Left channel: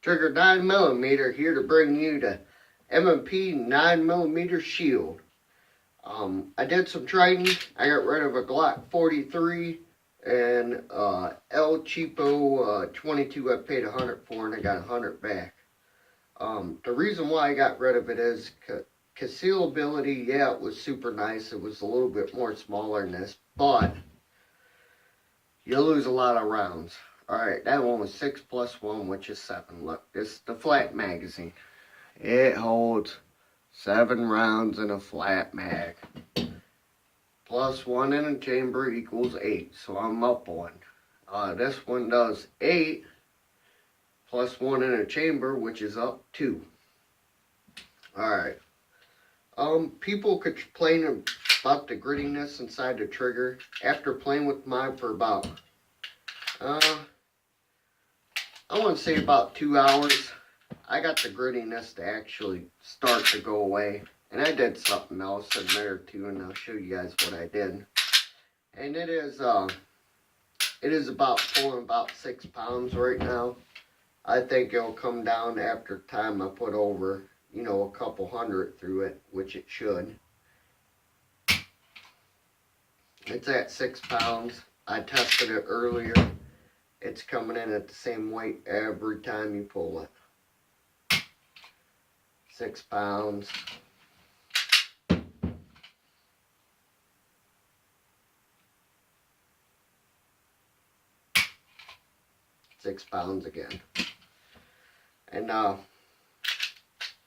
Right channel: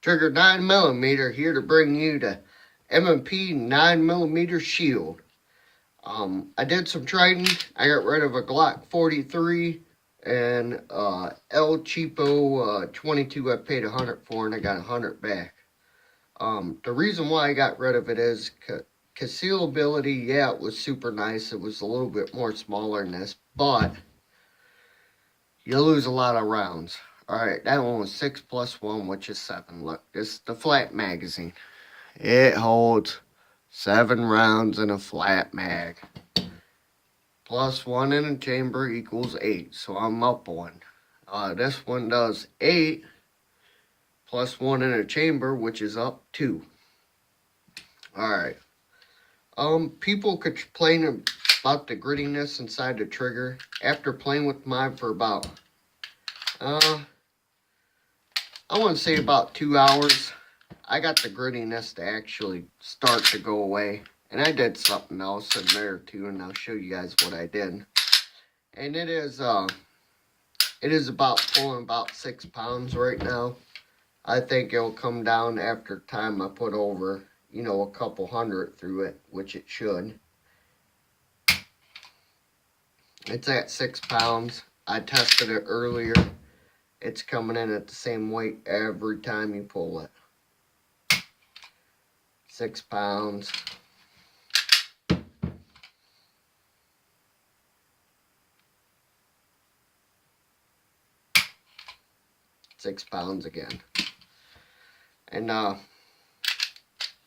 Trigger 9mm here to bring you the M&P 9mm Shield. I did some trading. I got rid of a Glock 43 and El Cheapo 22 I paid 100 for, and I got 100 back. The reason why I got rid of it is concealability. Yeah, it was super nice. It was a little bit more smaller than this, but you lose a lot of rounds. Alright, that one was 6 plus 1, which is 7. Look, this is the flat magazine. It holds 7 rounds in a flat mag. Plus 1 in a chamber equals 8, so I'm up 1. This one does 8 plus 1 in a chamber, which is up 2. Alright. People complain about the grittiness inside the trigger. After playing with mine for about, I want to say about 2 hours, I got the grittiness to actually start to go away. And I did something else in there too, and I'll show you guys what I did. And it is about pulling about 6 pounds right now. I think it'll come down after time I put over, a couple hundred through it, which it should. It's at 6 pounds. I tested it earlier. It's coming in at the same weight every time you pull it. 6 pounds. £6 again. And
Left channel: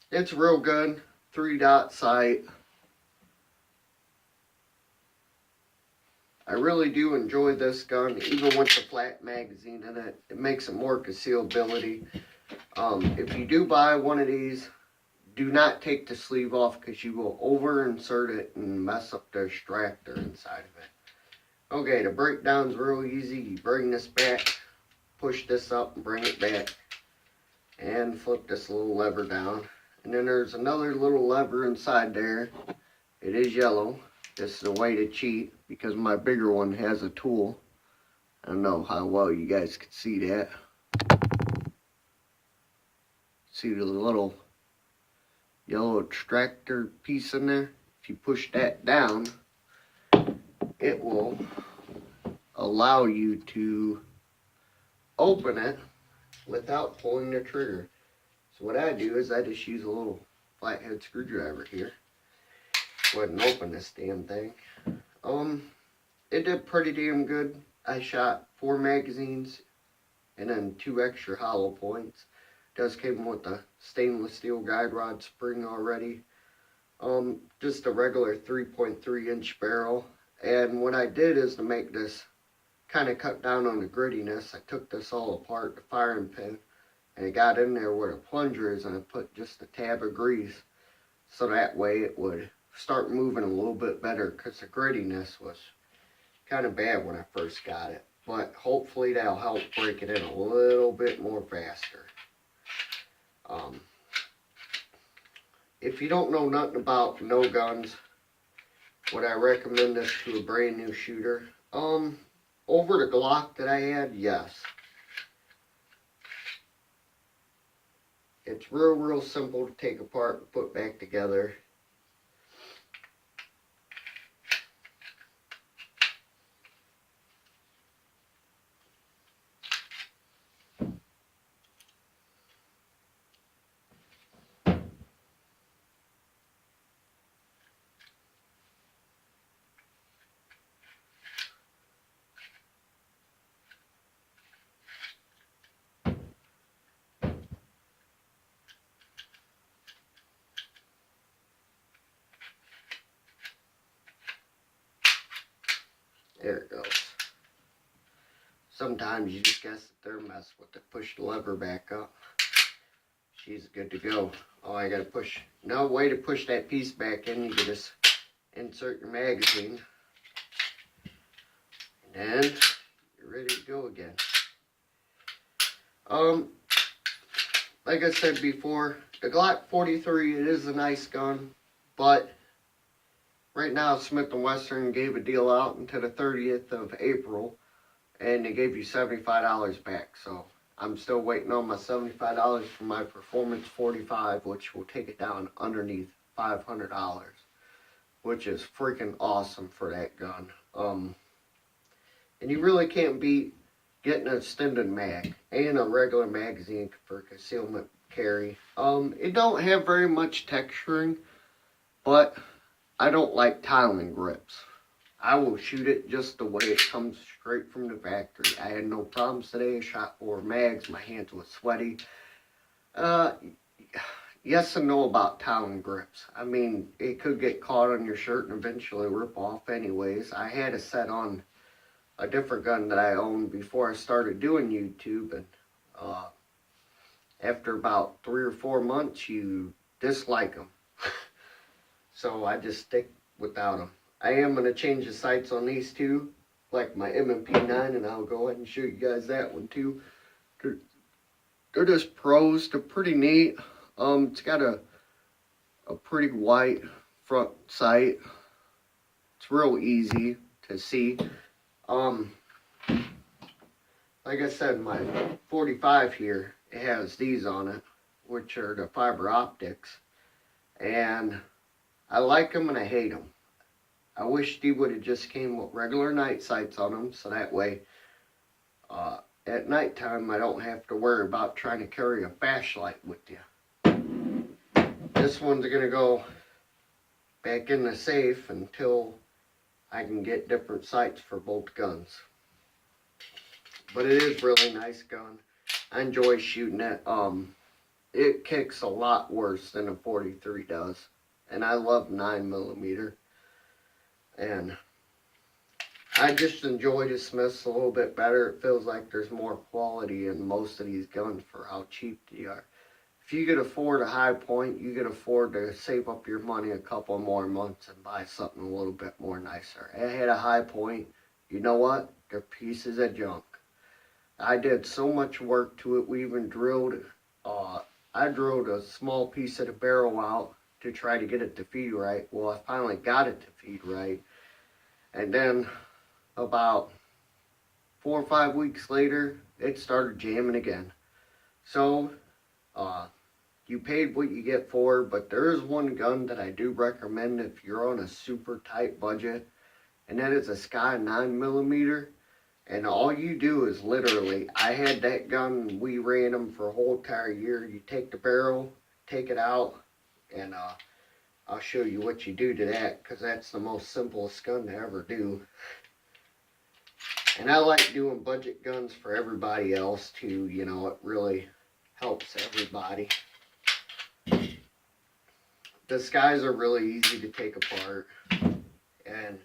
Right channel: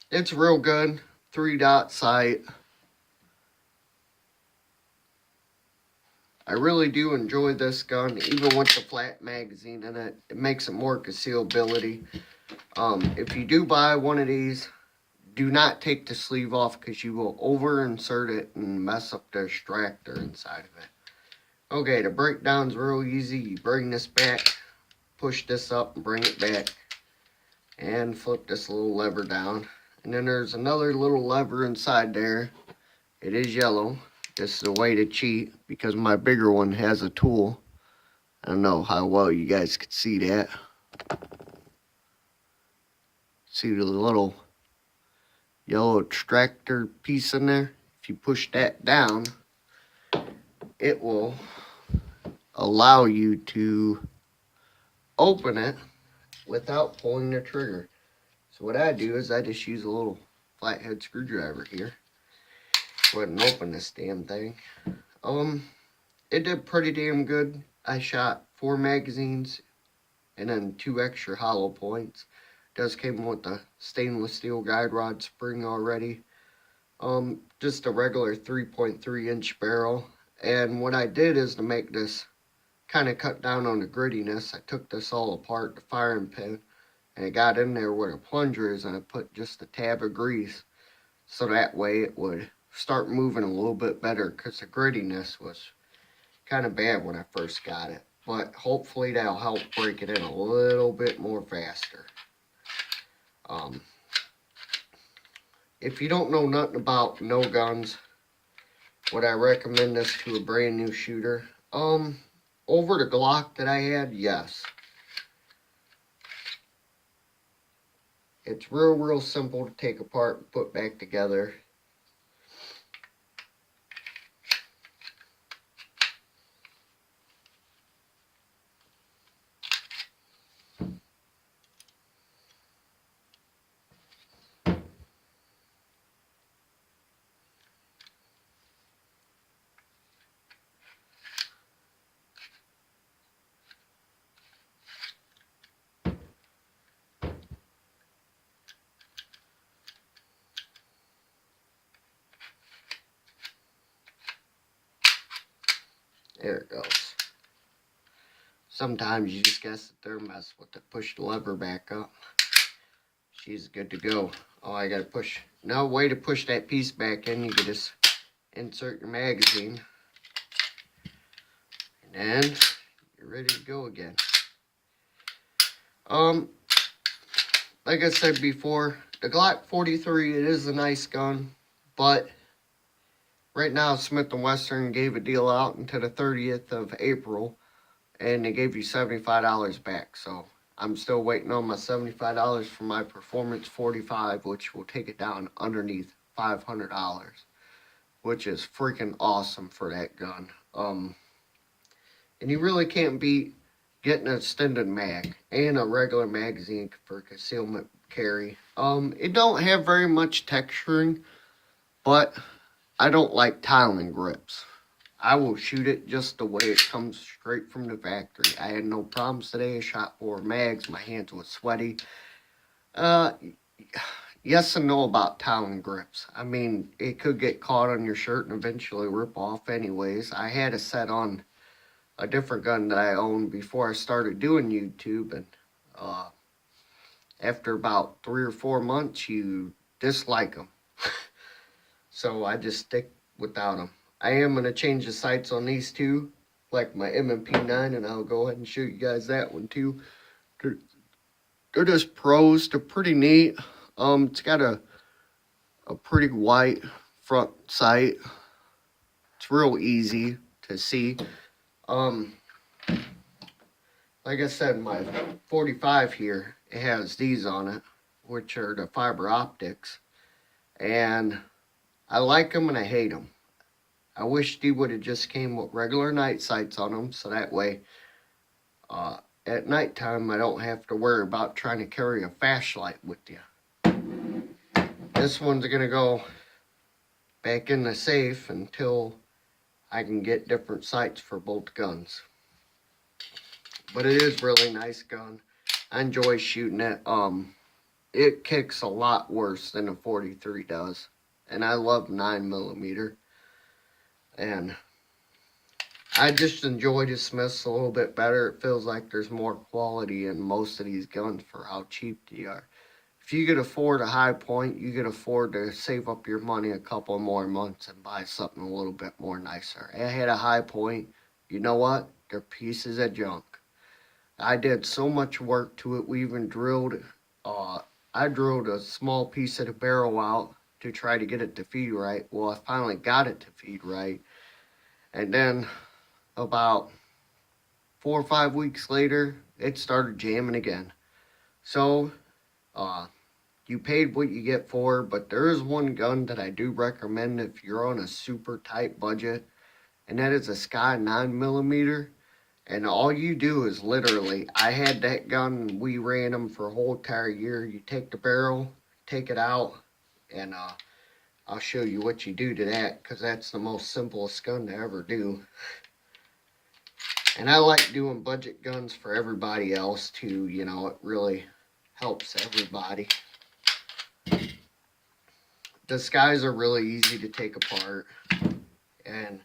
it's real good. 3-dot sight. I really do enjoy this gun, even with the flat magazine in it. It makes it more concealability. If you do buy one of these, do not take the sleeve off, because you will over insert it and mess up the extractor inside of it. Okay, the breakdown's real easy. You bring this back, push this up and bring it back, and flip this little lever down. And then there's another little lever inside there. It is yellow. This is a way to cheat, because my bigger one has a tool. I don't know how well you guys can see that. See the little yellow extractor piece in there? If you push that down, it will allow you to open it without pulling the trigger. So what I do is I just use a little flathead screwdriver here. Go ahead and open this damn thing. It did pretty damn good. I shot 4 magazines and then 2 extra hollow points. It does came with the stainless steel guide rod spring already. Just a regular 3.3 inch barrel. And what I did is, to make this kind of cut down on the grittiness, I took this all apart, the firing pin, and it got in there where the plunger is, and I put just a tab of grease, so that way it would start moving a little bit better, because the grittiness was kind of bad when I first got it. But hopefully that'll help break it in a little bit more faster. If you don't know nothing about no guns, would I recommend this to a brand new shooter? Over the Glock that I had, yes. It's real simple to take apart and put back together. There it goes. Sometimes you just gotta sit there and mess with it. Push the lever back up. She's good to go. Oh, I gotta push. No way to push that piece back in. You can just insert your magazine. And then you're ready to go again. Like I said before, the Glock 43, it is a nice gun, but right now Smith & Wesson gave a deal out until the 30th of April, and they gave you $75 back. So I'm still waiting on my $75 for my Performance 45, which will take it down underneath $500, which is freaking awesome for that gun. And you really can't beat getting an extended mag and a regular magazine for concealment carry. It don't have very much texturing, but I don't like tiling grips. I will shoot it just the way it comes straight from the factory. I had no problems today. I shot 4 mags. My hands were sweaty. Yes and no about tiling grips. I mean, it could get caught on your shirt and eventually rip off anyways. I had a set on a different gun that I owned before I started doing YouTube, and after about 3 or 4 months, you dislike them. So I just stick without them. I am going to change the sights on these two, like my M&P 9, and I'll go ahead and show you guys that one too. They're just pros. They're pretty neat. It's got a pretty white front sight. It's real easy to see. Like I said, my 45 here, it has these on it, which are the fiber optics. And I like them and I hate them. I wish they would have just came with regular night sights on them, so that way at nighttime I don't have to worry about trying to carry a flashlight with you. This one's going to go back in the safe until I can get different sights for both guns. But it is a really nice gun. I enjoy shooting it. It kicks a lot worse than a 43 does. And I love 9mm. And I just enjoy the Smiths a little bit better. It feels like there's more quality in most of these guns for how cheap they are. If you could afford a high point, you could afford to save up your money a couple more months and buy something a little bit more nicer. I had a high point. You know what? They're pieces of junk. I did so much work to it. We even drilled, I drilled a small piece of the barrel out to try to get it to feed right. Well, I finally got it to feed right. And then about 4 or 5 weeks later, it started jamming again. So, you paid what you get for, but there is one gun that I do recommend if you're on a super tight budget, and that is a Sky 9mm. And all you do is literally, I had that gun, we ran them for a whole entire year. You take the barrel, take it out, and I'll show you what you do to that, because that's the most simplest gun to ever do. And I like doing budget guns for everybody else too, you know, it really helps everybody. The Skies are really easy to take apart, and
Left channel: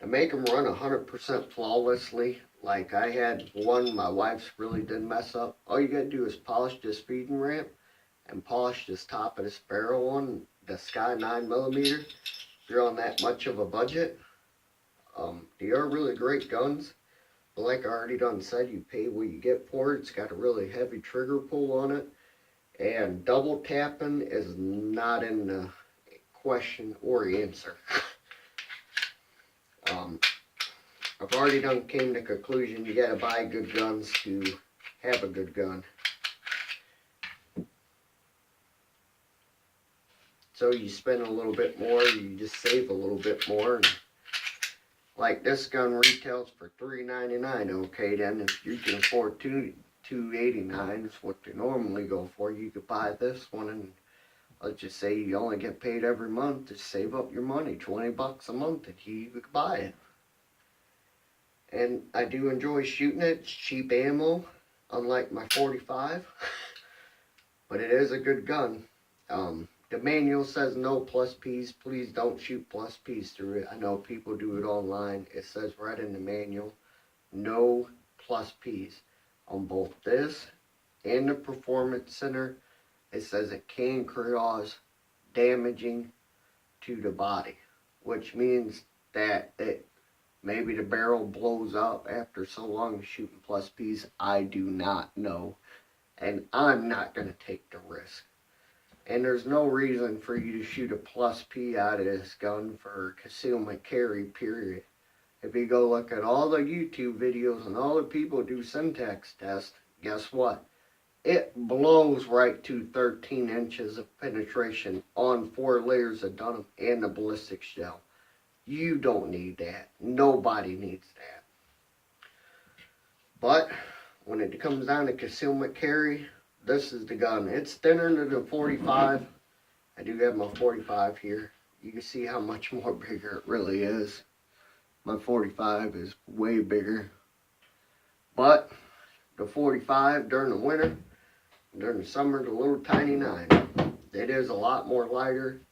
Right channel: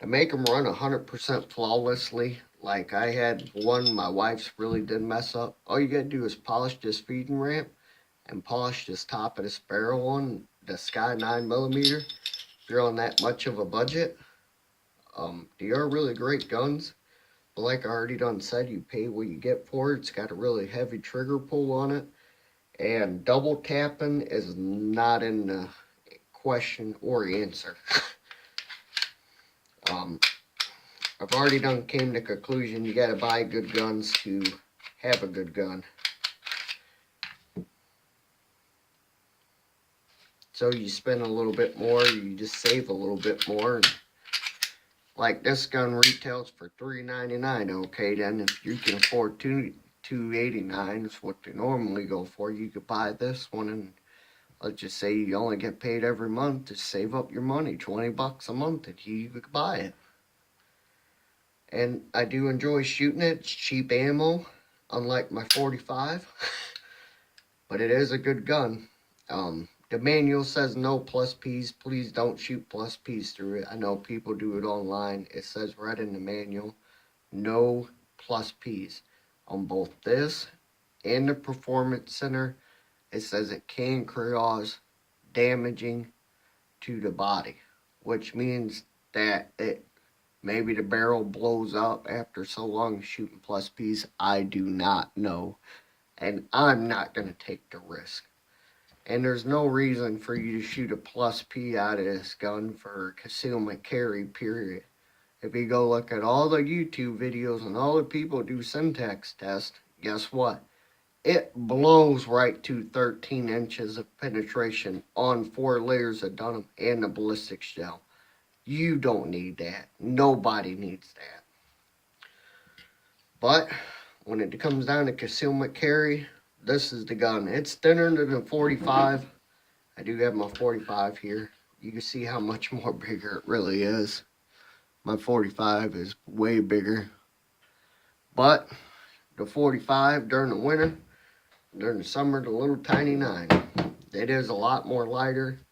to make them run 100% flawlessly, like I had one my wife's really did mess up. All you gotta do is polish this feeding ramp and polish this top of this barrel on the Sky 9mm. If you're on that much of a budget, they are really great guns. But like I already done said, you pay what you get for it. It's got a really heavy trigger pull on it. And double tapping is not in the question or answer. I've already came to the conclusion you gotta buy good guns to have a good gun. So you spend a little bit more, you just save a little bit more. And like this gun retails for $3.99. Okay, then if you can afford $2.89 is what they normally go for, you could buy this one, and let's just say you only get paid every month to save up your money, $20 a month, and you could buy it. And I do enjoy shooting it. It's cheap ammo, unlike my 45. But it is a good gun. The manual says no plus Ps. Please don't shoot plus Ps through it. I know people do it online. It says right in the manual, no plus Ps. On both this and the Performance Center, it says it can cause damaging to the body, which means that maybe the barrel blows up after so long shooting plus Ps. I do not know. And I'm not going to take the risk. And there's no reason for you to shoot a plus P out of this gun for concealment carry, period. If you go look at all the YouTube videos and all the people do syntax tests, guess what? It blows right to 13 inches of penetration on 4 layers of denim and the ballistics gel. You don't need that. Nobody needs that. But when it comes down to concealment carry, this is the gun. It's thinner than the 45. I do have my 45 here. You can see how much more bigger it really is. My 45 is way bigger. But the 45 during the winter, during the summer, the little tiny 9. It is a lot more lighter.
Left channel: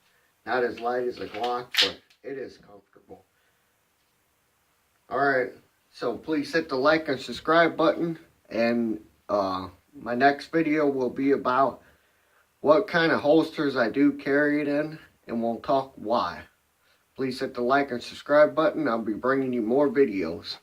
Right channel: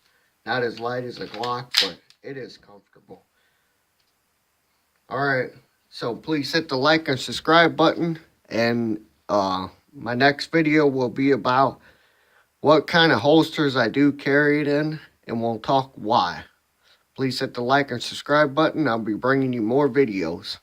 Not as light as a Glock, but it is comfortable. Alright, so please hit the like and subscribe button. And my next video will be about what kind of holsters I do carry it in. And we'll talk why. Please hit the like and subscribe button. I'll be bringing you more videos.